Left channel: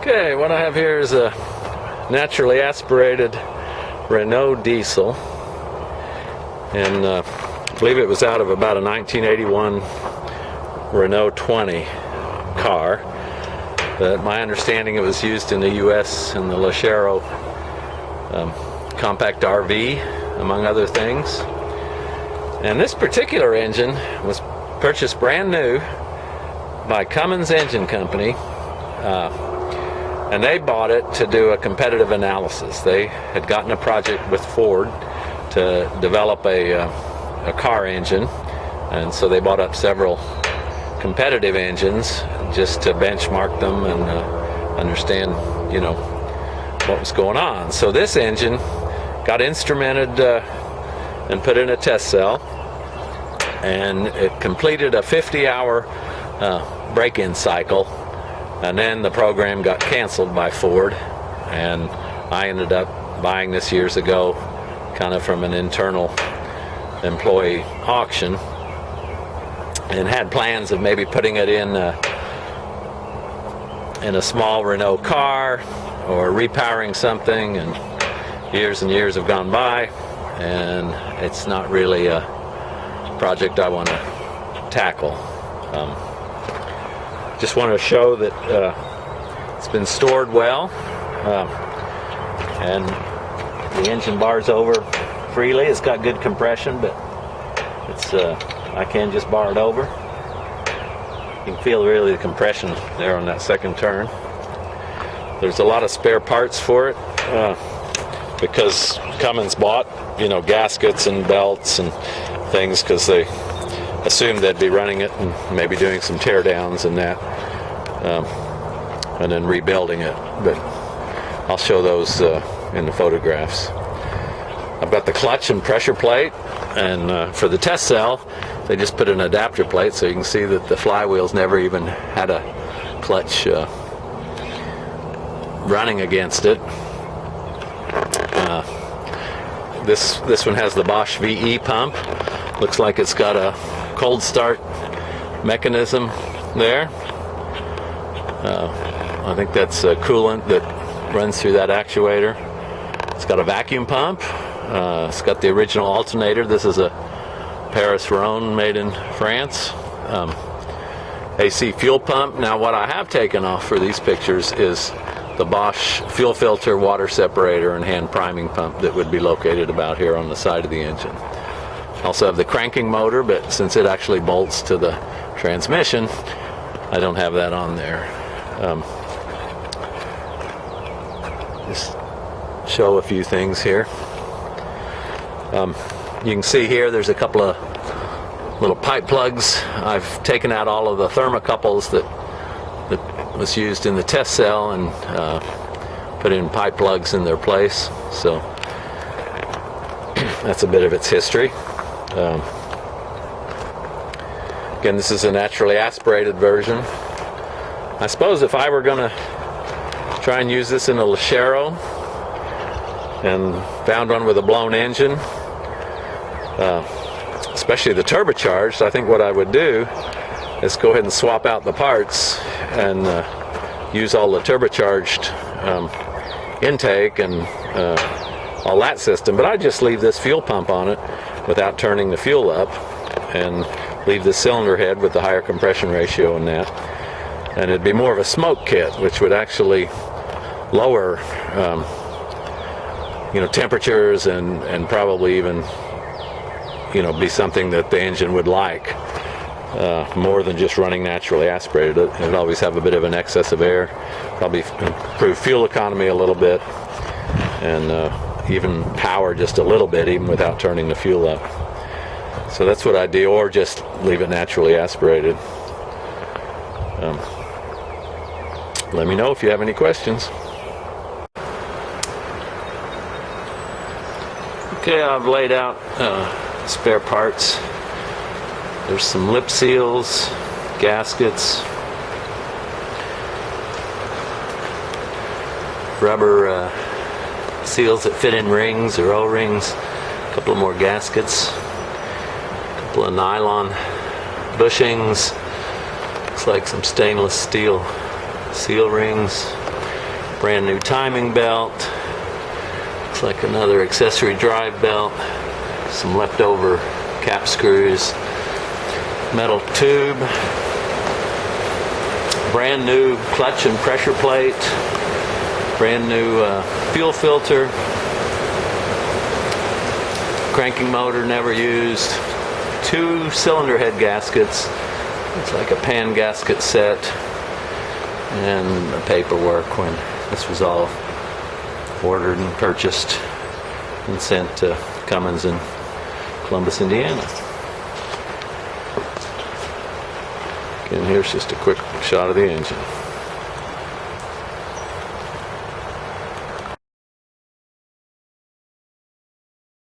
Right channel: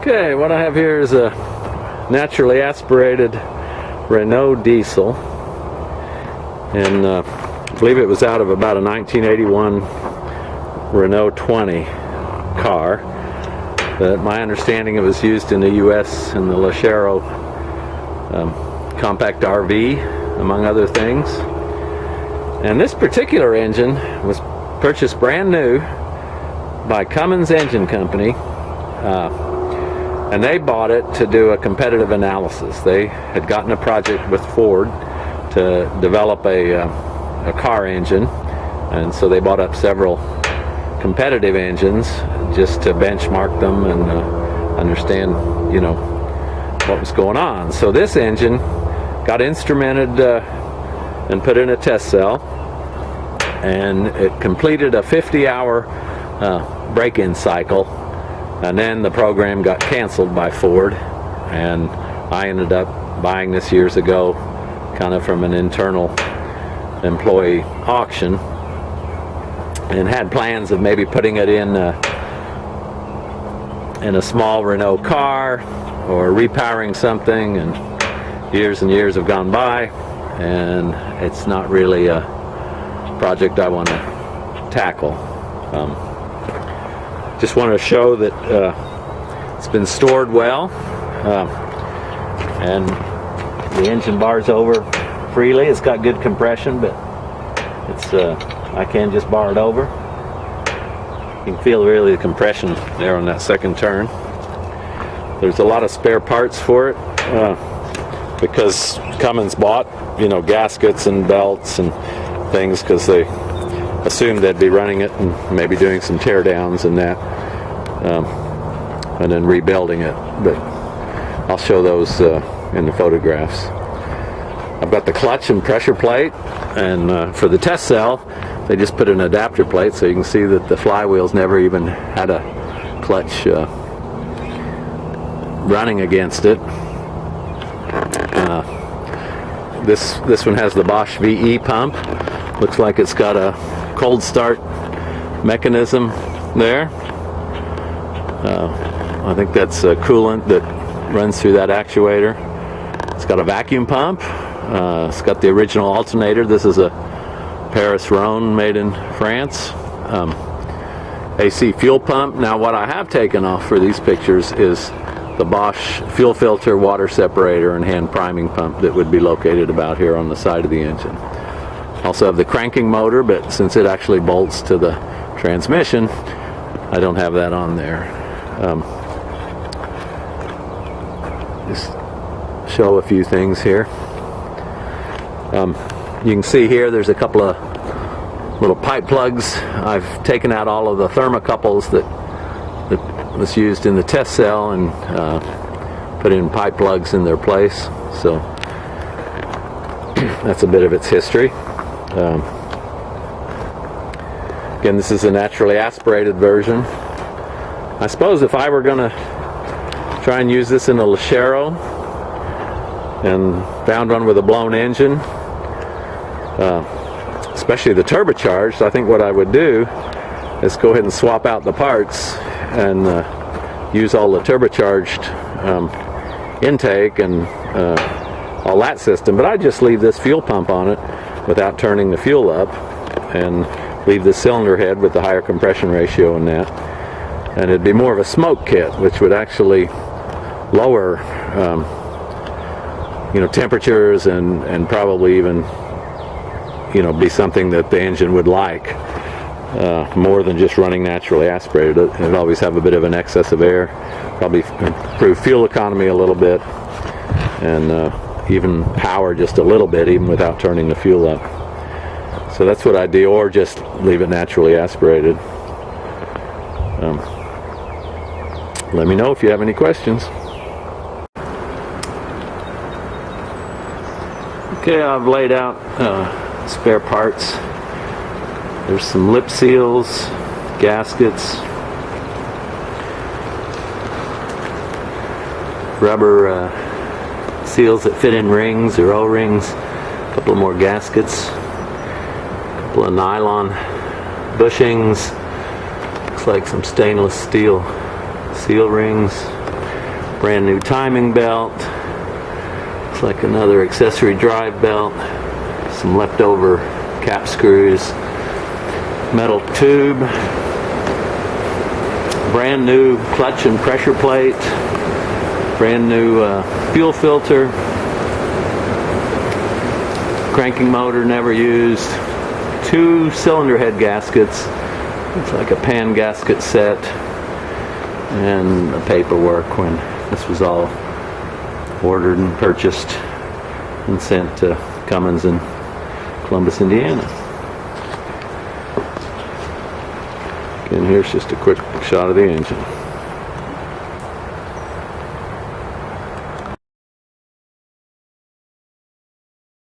Okay, what I have here is a naturally aspirated Renault diesel, and I believe it was out of about a 1981 Renault 20 car. My understanding, it was used in the U.S. in the Lachero compact RV, among other things. And this particular engine was purchased brand new by Cummins Engine Company, and they bought it to do a competitive analysis. They had gotten a project with Ford to develop a car engine, and so they bought up several competitive engines just to benchmark them and understand, what was going on. So this engine got instrumented and put in a test cell, and it completed a 50-hour break-in cycle, and then the program got canceled by Ford, and I ended up buying this years ago kind of from an internal employee auction, and had plans of maybe putting it in a small Renault car or repowering something, and years have gone by, and it's not really a project I want to tackle. Just want to show that it's been stored well, and the engine bar's over freely. It's got good compression, but it's I can just bar it over. You can feel really the compression there on that second turn. There's a lot of spare parts for it because Cummins bought, gaskets and belts and things because they assumed they'd be running it and maybe doing some tear downs and that, and then rebuilding it. But I'll show those in the photographs. I've got the clutch and pressure plate, and for the test cell they just put an adapter plate, so you can see that the flywheels never even had a clutch running against it. This one has the Bosch VE pump. Looks like it's got a cold start mechanism there. I think that's coolant that runs through that actuator. It's got a vacuum pump. It's got the original alternator. This is a Paris Rhone made in France. AC fuel pump. Now what I have taken off for these pictures is the Bosch fuel filter, water separator, and hand priming pump that would be located about here on the side of the engine. Also have the cranking motor, but since it actually bolts to the transmission, I don't have that on there. Just show a few things here. You can see here there's a couple of little pipe plugs. I've taken out all of the thermocouples that was used in the test cell and put in pipe plugs in their place. So that's a bit of its history. Again, this is a naturally aspirated version. I suppose if I were going to try and use this in a Lachero and found one with a blown engine, especially the turbocharged, I think what I would do is go ahead and swap out the parts and use all the turbocharged intake and all that system, but I'd just leave this fuel pump on it without turning the fuel up, and leave the cylinder head with the higher compression ratio in that, and it'd be more of a smoke kit, which would actually lower temperatures and probably even be something that the engine would like more than just running naturally aspirated. It would always have a bit of an excess of air, probably improve fuel economy a little bit, and even power just a little bit, even without turning the fuel up. So that's what I do, or just leave it naturally aspirated. Let me know if you have any questions. Okay, I've laid out spare parts. There's some lip seals, gaskets, rubber seals that fit in rings or O-rings, a couple more gaskets, a couple of nylon bushings, looks like some stainless steel seal rings, Brand new timing belt. It's like another accessory drive belt. Some leftover cap screws. Metal tube. Brand new clutch and pressure plate. Brand new fuel filter. Cranking motor never used. 2 cylinder head gaskets. It's like a pan gasket set. And the paperwork when this was all ordered and purchased and sent to Cummins in Columbus, Indiana. And here's just a quick shot of the engine.